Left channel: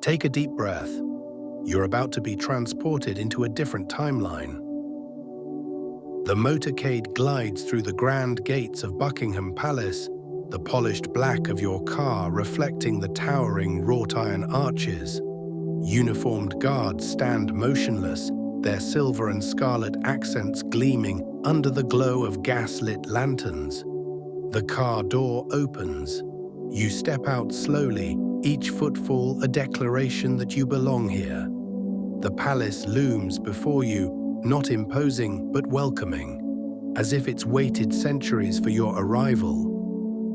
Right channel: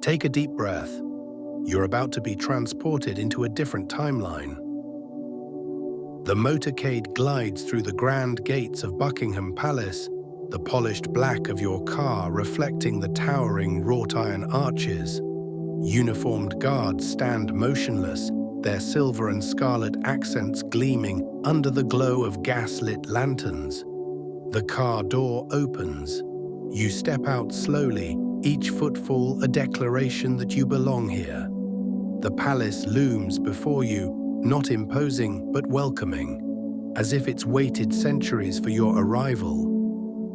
Take a deep breath. You're about to be transported into a different timeline. The motorcade glides through the grand gates of Buckingham Palace, the polished black of your car reflecting the towering wrought-iron arches. Uniformed guards stand motionless, their silver and scarlet accents gleaming under the glow of gas-lit lanterns. The car door opens. You step out slowly, each footfall a declaration that you belong here. The palace looms before you, not imposing but welcoming, as if it's waited centuries for your arrival.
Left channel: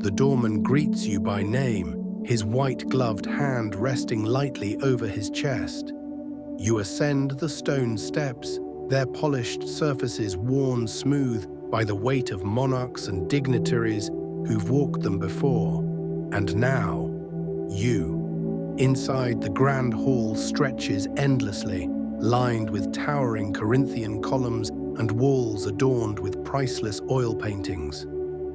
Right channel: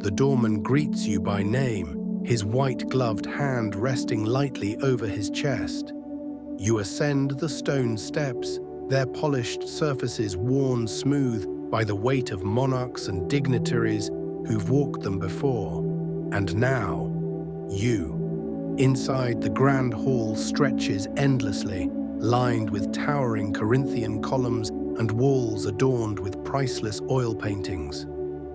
The doorman greets you by name, his white-gloved hand resting lightly over his chest. You ascend the stone steps, their polished surfaces worn smooth by the weight of monarchs and dignitaries who've walked them before. And now, you. Inside, the grand hall stretches endlessly, lined with towering Corinthian columns and walls adorned with priceless oil paintings.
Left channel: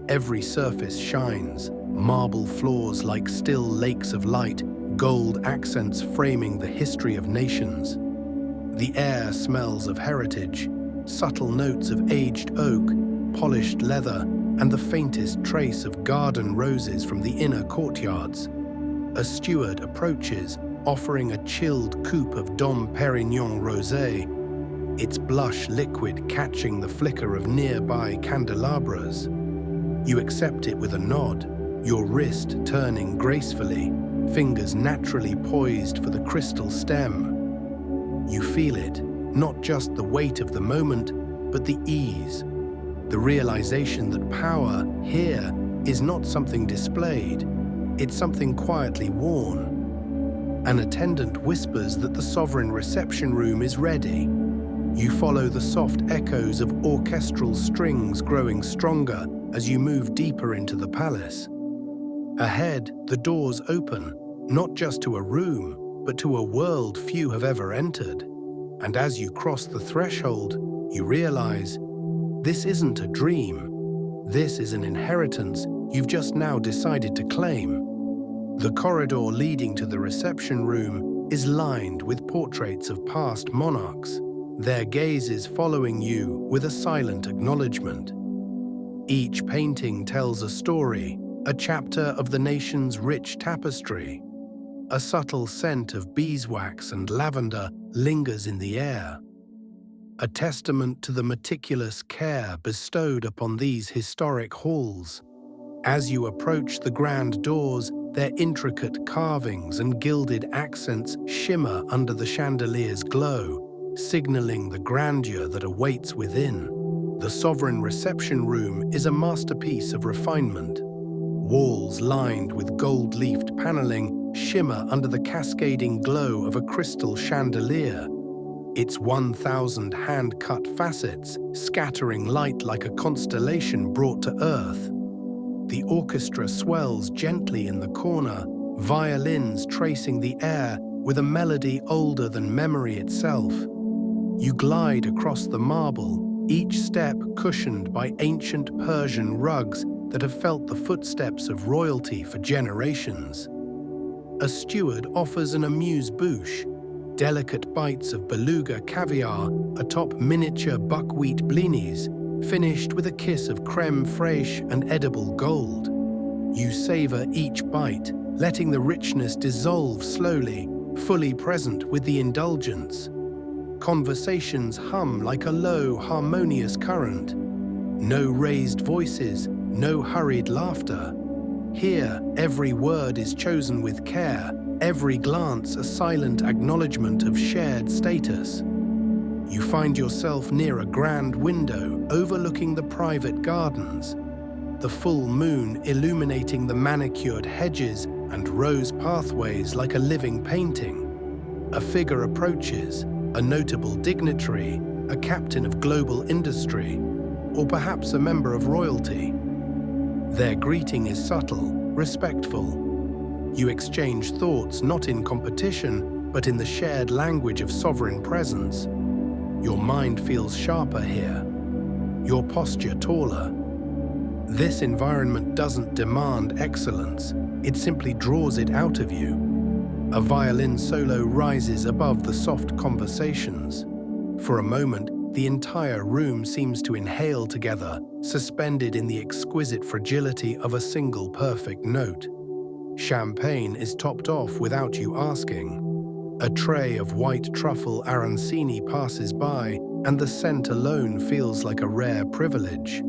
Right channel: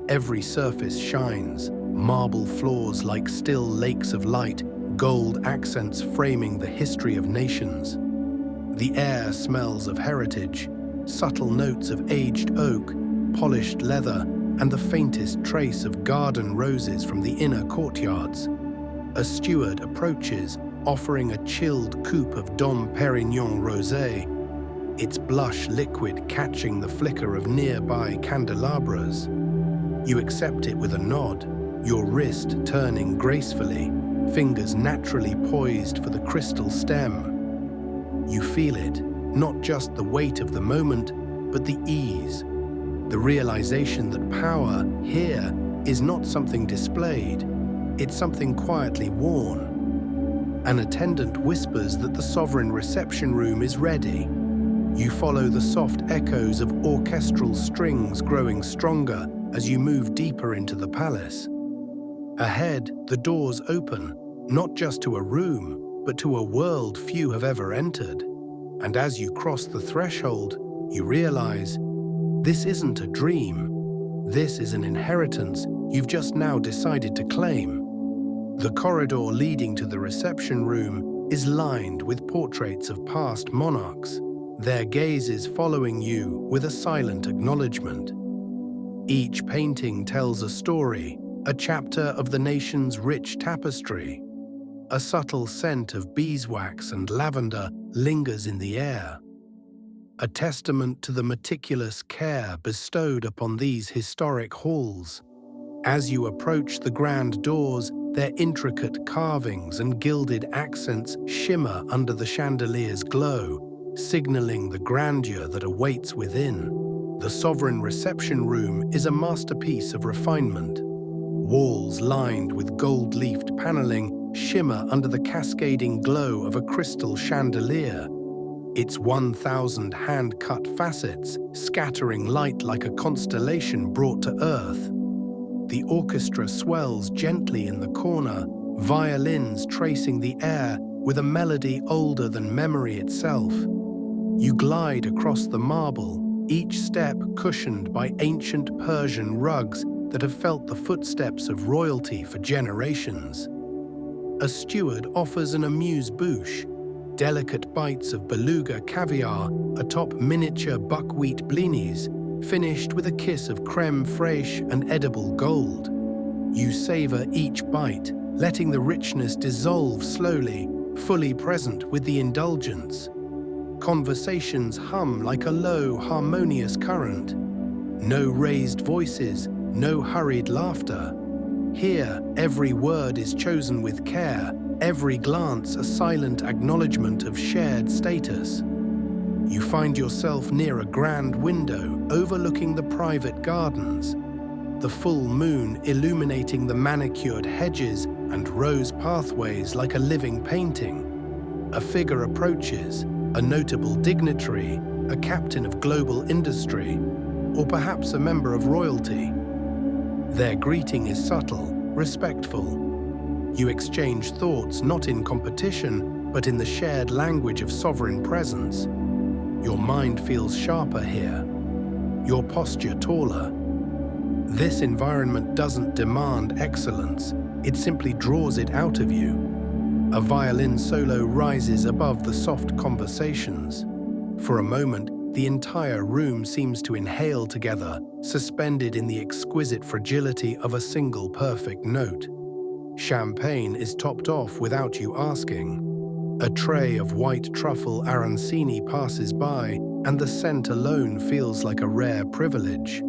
Every surface shines, marble floors like still lakes of light, gold accents framing the history of nations. The air smells of heritage, subtle notes of aged oak, polished leather, and the faintest trace of garden roses from the inner courtyards. A steward approaches, offering a chilled coupe of Dom Perignon rosé, its blush liquid catching the flicker of nearby candelabras. You accept it with a nod, your wrist turning gracefully, fingers naturally poised for the crystal stem. You feel it, not just the weight of the moment, but the ease, the realization that power here is not something displayed, it's something quietly worn. An attendant whispers that the sovereign reception room is ready. You follow the soft echoes of orchestral strings growing stronger as you move deeper into the palace. Ahead, the doors open, not just to a room, but to a world few have ever entered. And as you cross the threshold, you realize, this isn't a dream. This is an inheritance you've just now decided to claim. The corridor leading to the reception room is lined with portraits of past monarchs, their gazes following you with a silent acknowledgement. Each painting tells a story, a chapter of the nation's rich tapestry. A subtle scent of beeswax and lavender lingers in the air, a testament to the meticulous care bestowed upon these historic halls. As you approach the grand doors, their intricate carvings and gilded accents shimmer under the chandelier's glow, signaling the grandeur that awaits within. The sovereign reception room is a masterpiece of refinement. Walls lined with gold-leafed paneling shimmer under the cascading glow of a crystal chandelier, its 1,000 hand-cut facets scattering light like a constellation brought to earth. The orchestra swells gently in the corner, violins tracing the air with a melody older than memory itself. You glide across the marble, each step cushioned by ancient Persian rugs that have felt the footsteps of royalty for generations. A steward offers an amuse-bouche, delicate bites of beluga caviar atop miniature buckwheat blinis, finished with a kiss of crème fraîche and edible gold. You savor each bite, letting the richness dissolve slowly, fully present with the indulgence. Conversations hum like a low, harmonious current. No raised voices, no hurried laughter. Here, every word is chosen with care, every glance a silent acknowledgement of shared status. You find yourself near a grand window overlooking the private gardens, the full moon illuminating the manicured hedges and rose pathways like a living painting. A figure approaches, a notable dignitary, a captain of global industry, or perhaps a member of royalty. Their greeting is subtle, respectful. You exchange thoughts not in competition, but in the shared language of sovereign presence. Your mind feels sharper here, your posture taller. This environment doesn't demand excellence, it simply draws it out of you. A violin solo rises above the soft conversations. For a moment, the entire room seems to inhale together, suspended in the exquisite fragility of a single perfect note. Champagne is topped off without you asking. A tray of white truffle arancini passes by, and the scent alone feels like a rare privilege.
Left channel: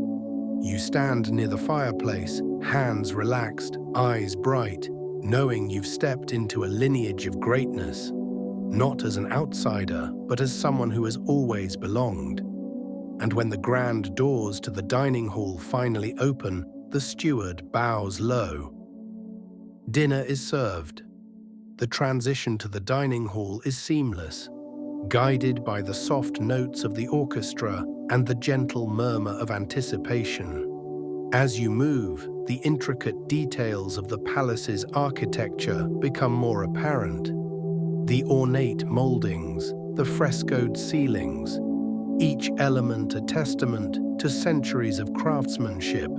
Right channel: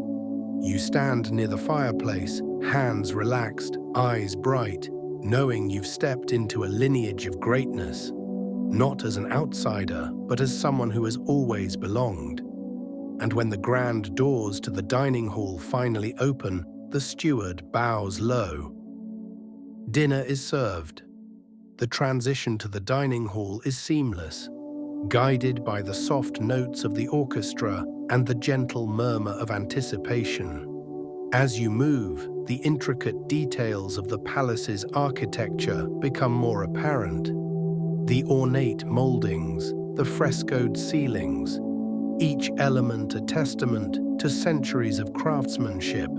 You stand near the fireplace, hands relaxed, eyes bright, knowing you've stepped into a lineage of greatness, not as an outsider, but as someone who has always belonged. And when the grand doors to the dining hall finally open, the steward bows low. Dinner is served. The transition to the dining hall is seamless, guided by the soft notes of the orchestra and the gentle murmur of anticipation. As you move, the intricate details of the palace's architecture become more apparent. The ornate moldings, the frescoed ceilings, each element a testament to centuries of craftsmanship.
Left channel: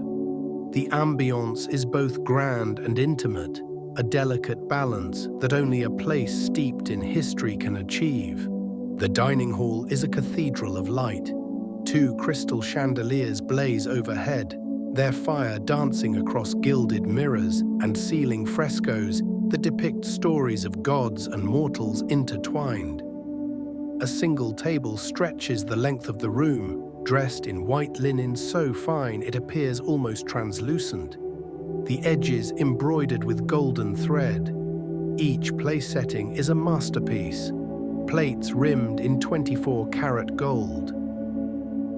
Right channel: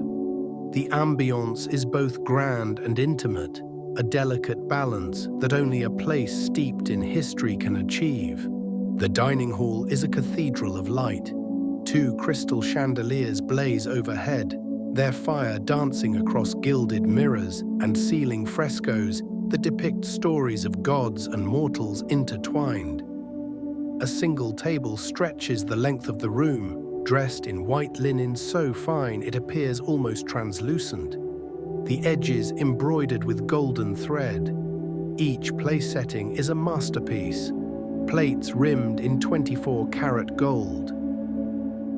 The ambience is both grand and intimate, a delicate balance that only a place steeped in history can achieve. The dining hall is a cathedral of light. 2 crystal chandeliers blaze overhead, their fire dancing across gilded mirrors and ceiling frescoes that depict stories of gods and mortals intertwined. A single table stretches the length of the room, dressed in white linen so fine it appears almost translucent, the edges embroidered with golden thread. Each place setting is a masterpiece, plates rimmed in 24-karat gold,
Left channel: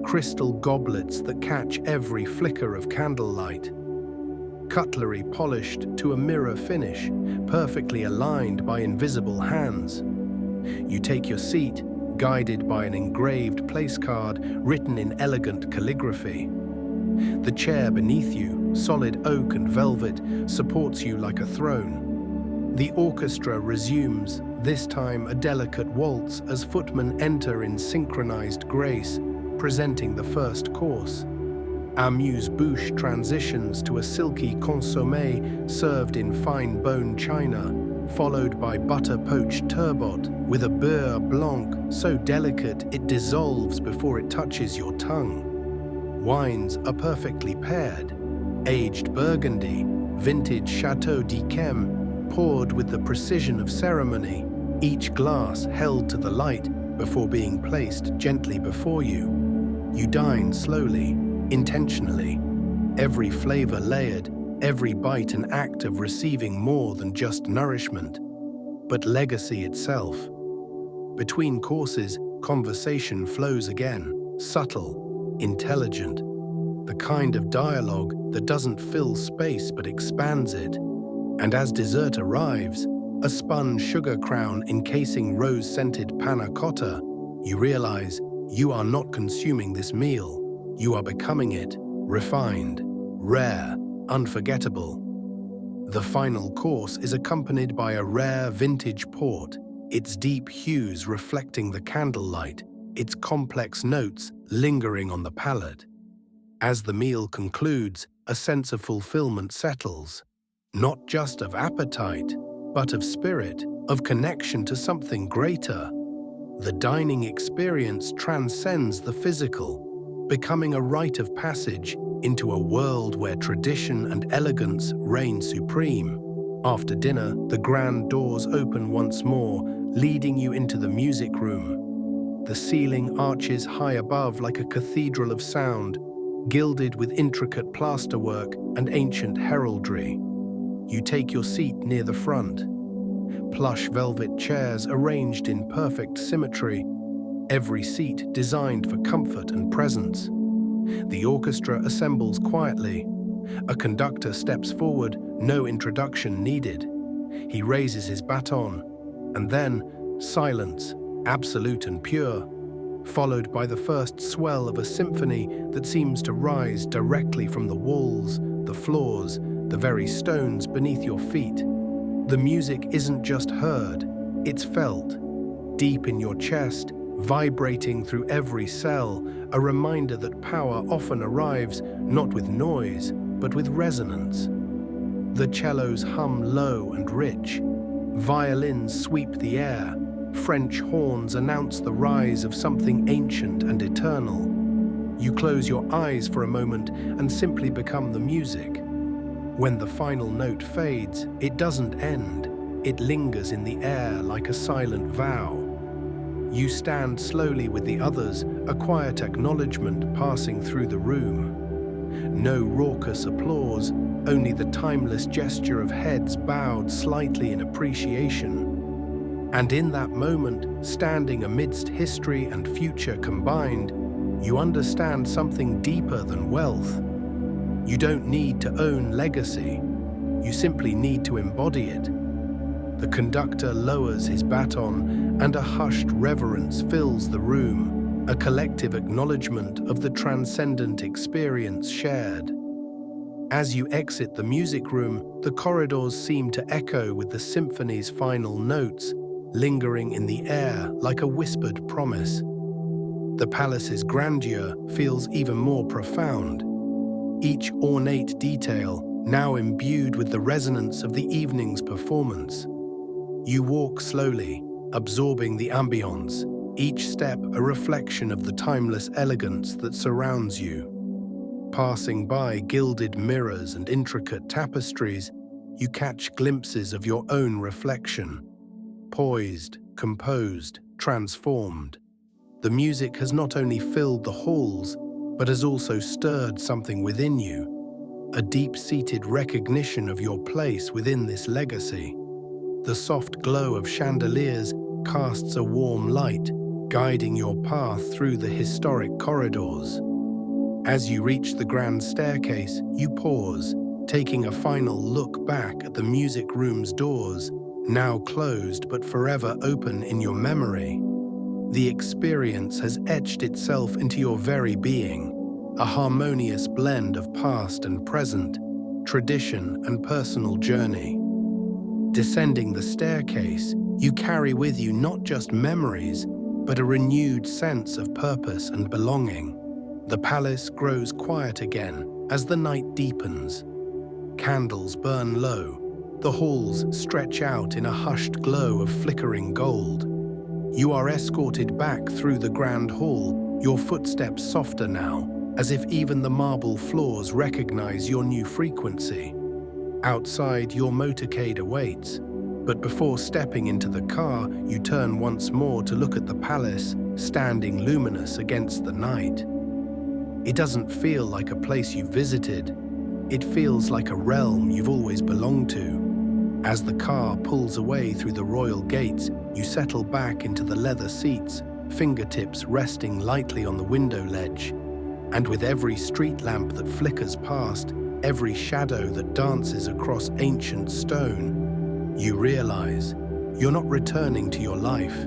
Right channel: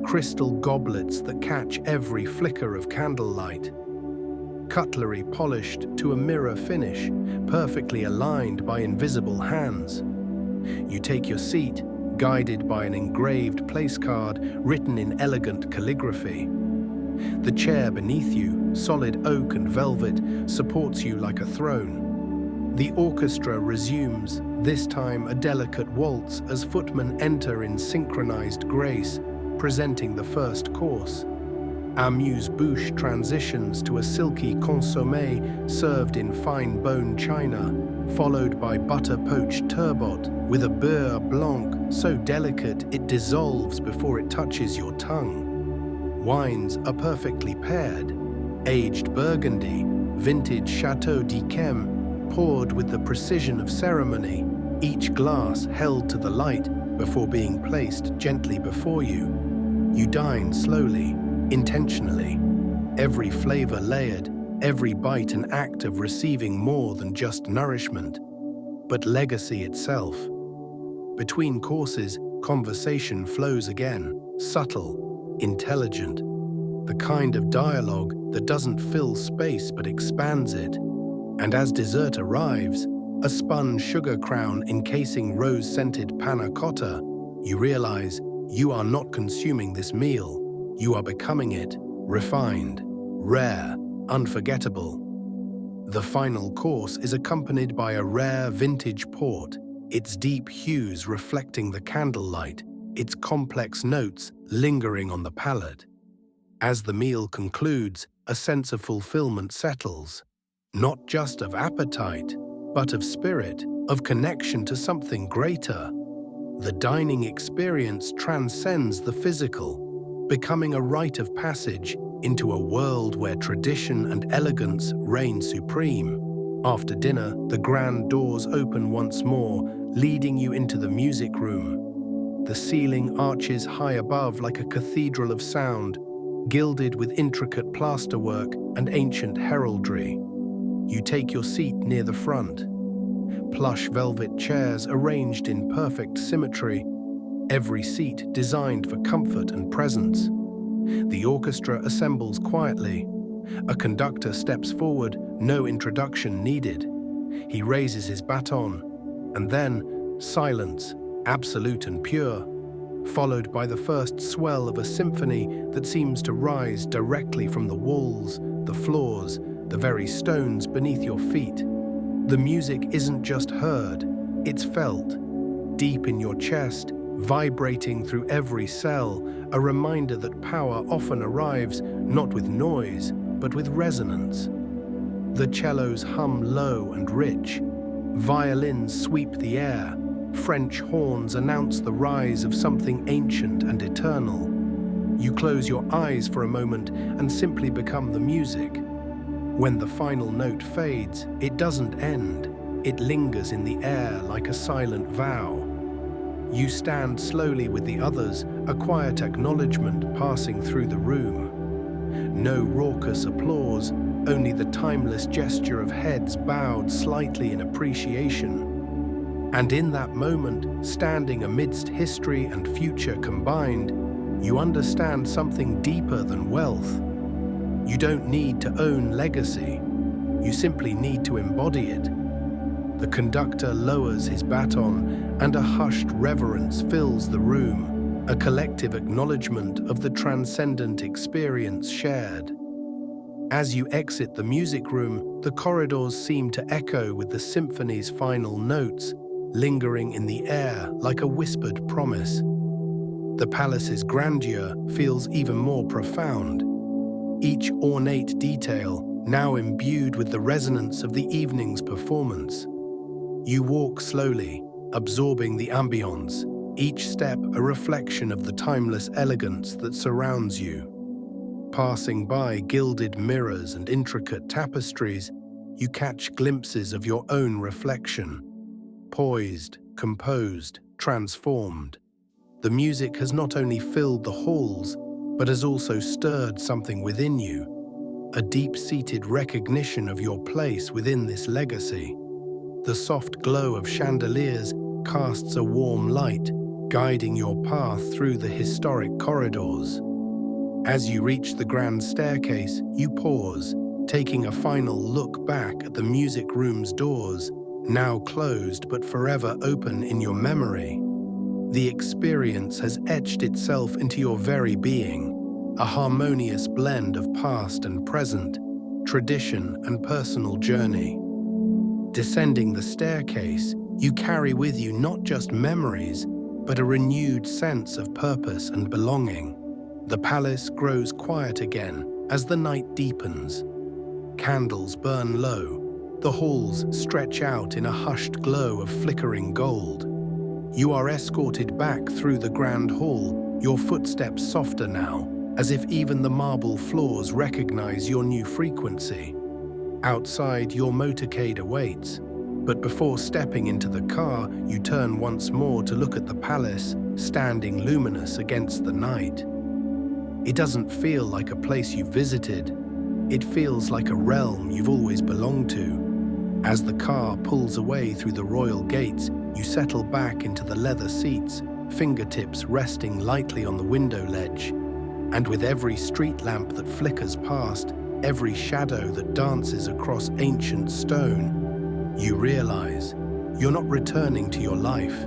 crystal goblets that catch every flicker of candlelight, cutlery polished to a mirror finish, perfectly aligned by invisible hands. You take your seat, guided by an engraved place card written in elegant calligraphy. The chair beneath you, solid oak and velvet, supports you like a throne. The orchestra resumes, this time a delicate waltz as footmen enter in synchronized grace, presenting the first course. Amuse-bouche transitions to a silky consommé served in fine bone china, followed by butter-poached turbot with a beurre blanc so delicate it dissolves before it touches your tongue. Wines are perfectly paired, aged Burgundy, vintage Chateau d'Yquem, poured with the precision of ceremony, each glass held to the light before being placed gently before you. You dine slowly, intentionally, every flavor layered, every bite an act of receiving more than just nourishment, but legacy itself. Between courses, conversation flows again, subtle, intelligent, the kind of dialogue that doesn't fill space but expands it. And as dessert arrives, a spun sugar crown encasing rose-scented panna cotta, you realize you are not consuming this meal, you are becoming it, refined, rare, unforgettable. The final course is accompanied by a rare vintage port, its deep hues reflecting the candlelight, its complex notes lingering on the palate. As the meal concludes, a sense of fulfillment settles, not just of appetite, but of spirit, of connection to something greater. The dining experience transcends the physical, becoming a rite of passage into a world where tradition and elegance reign supreme. After dinner, the grand doors open once more, leading you into the music room. The ceiling arches high above like a cathedral of sound, gilded with intricate plasterwork and ancient heraldry. You take your seat near the front. Plush velvet chairs arranged in perfect symmetry, every seat designed for comfort and presence. The orchestra assembles quietly. A conductor steps forward, no introduction needed. He raises his baton, and then silence, absolute and pure, followed by the first swell of a symphony that seems to rise directly from the walls, the floors, the very stones beneath your feet. The music isn't just heard, it's felt, deep in your chest, vibrating through every cell, a reminder that power often arrives not with noise, but with resonance. The cellos hum low and rich, Violins sweep the air. French horns announce the rise of something ancient and eternal. You close your eyes for a moment and simply become the music. When the final note fades, it doesn't end. It lingers in the air like a silent vow. You stand slowly with the others, a quiet acknowledgement passing through the room. No raucous applause, only the timeless gesture of heads bowed slightly in appreciation. And in that moment, standing amidst history and future combined, you understand something deeper than wealth. You don't need to own legacy. You simply need to embody it. The conductor lowers his baton, and a hushed reverence fills the room, a collective acknowledgement of the transcendent experience shared. As you exit the music room, the corridors seem to echo with the symphony's final notes, lingering in the air like a whispered promise. The palace's grandeur feels even more profound. Each ornate detail now imbued with the resonance of the evening's performance. You walk slowly, absorbing the ambience, each step a reflection of the timeless elegance that surrounds you. Passing by gilded mirrors and intricate tapestries, you catch glimpses of your own reflection. Poised, composed, transformed. The music has not only filled the halls, but has also stirred something within you, a deep-seated recognition of your place within this legacy. The soft glow of chandeliers casts a warm light, guiding your path through the historic corridors. As you reach the grand staircase, you pause, taking a final look back at the music room's doors, now closed but forever open in your memory. The experience has etched itself into your very being, a harmonious blend of past and present, tradition and personal journey. Descending the staircase, you carry with you not just memories, but a renewed sense of purpose and belonging. The palace grows quiet again as the night deepens. Candles burn low. The halls stretch out in a hushed glow of flickering gold. You are escorted back through the grand hall, your footsteps softer now, as if even the marble floors recognize your new frequency. Outside, your motorcade awaits, but before stepping into the car, you turn once more to look at the palace, standing luminous against the night. It doesn't feel like a place you've visited. It feels like a realm you've always belonged to. As the car pulls away through the royal gates, you settle back into the leather seats, fingertips resting lightly on the window ledge. And with every street lamp that flickers past, every shadow that dances across ancient stone, you realize you're not returning to your life.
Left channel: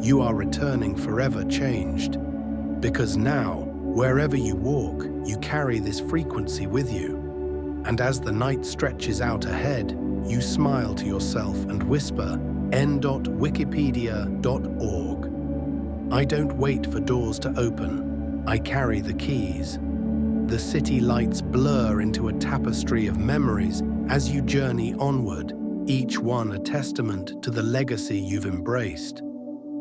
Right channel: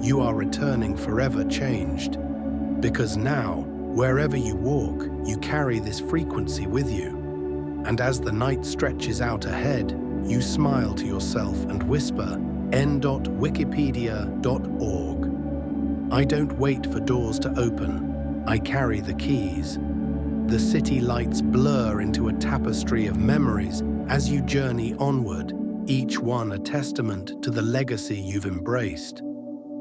You are returning forever changed. Because now, wherever you walk, you carry this frequency with you. And as the night stretches out ahead, you smile to yourself and whisper, n.wikipedia.org. I don't wait for doors to open. I carry the keys. The city lights blur into a tapestry of memories as you journey onward, each one a testament to the legacy you've embraced.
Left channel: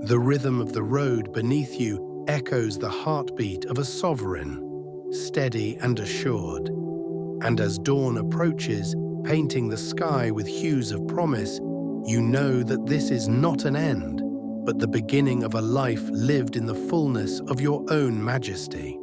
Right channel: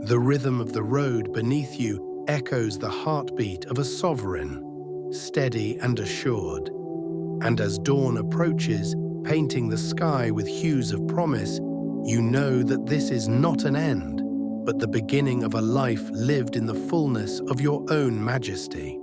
The rhythm of the road beneath you echoes the heartbeat of a sovereign, steady and assured. And as dawn approaches, painting the sky with hues of promise, you know that this is not an end, but the beginning of a life lived in the fullness of your own majesty.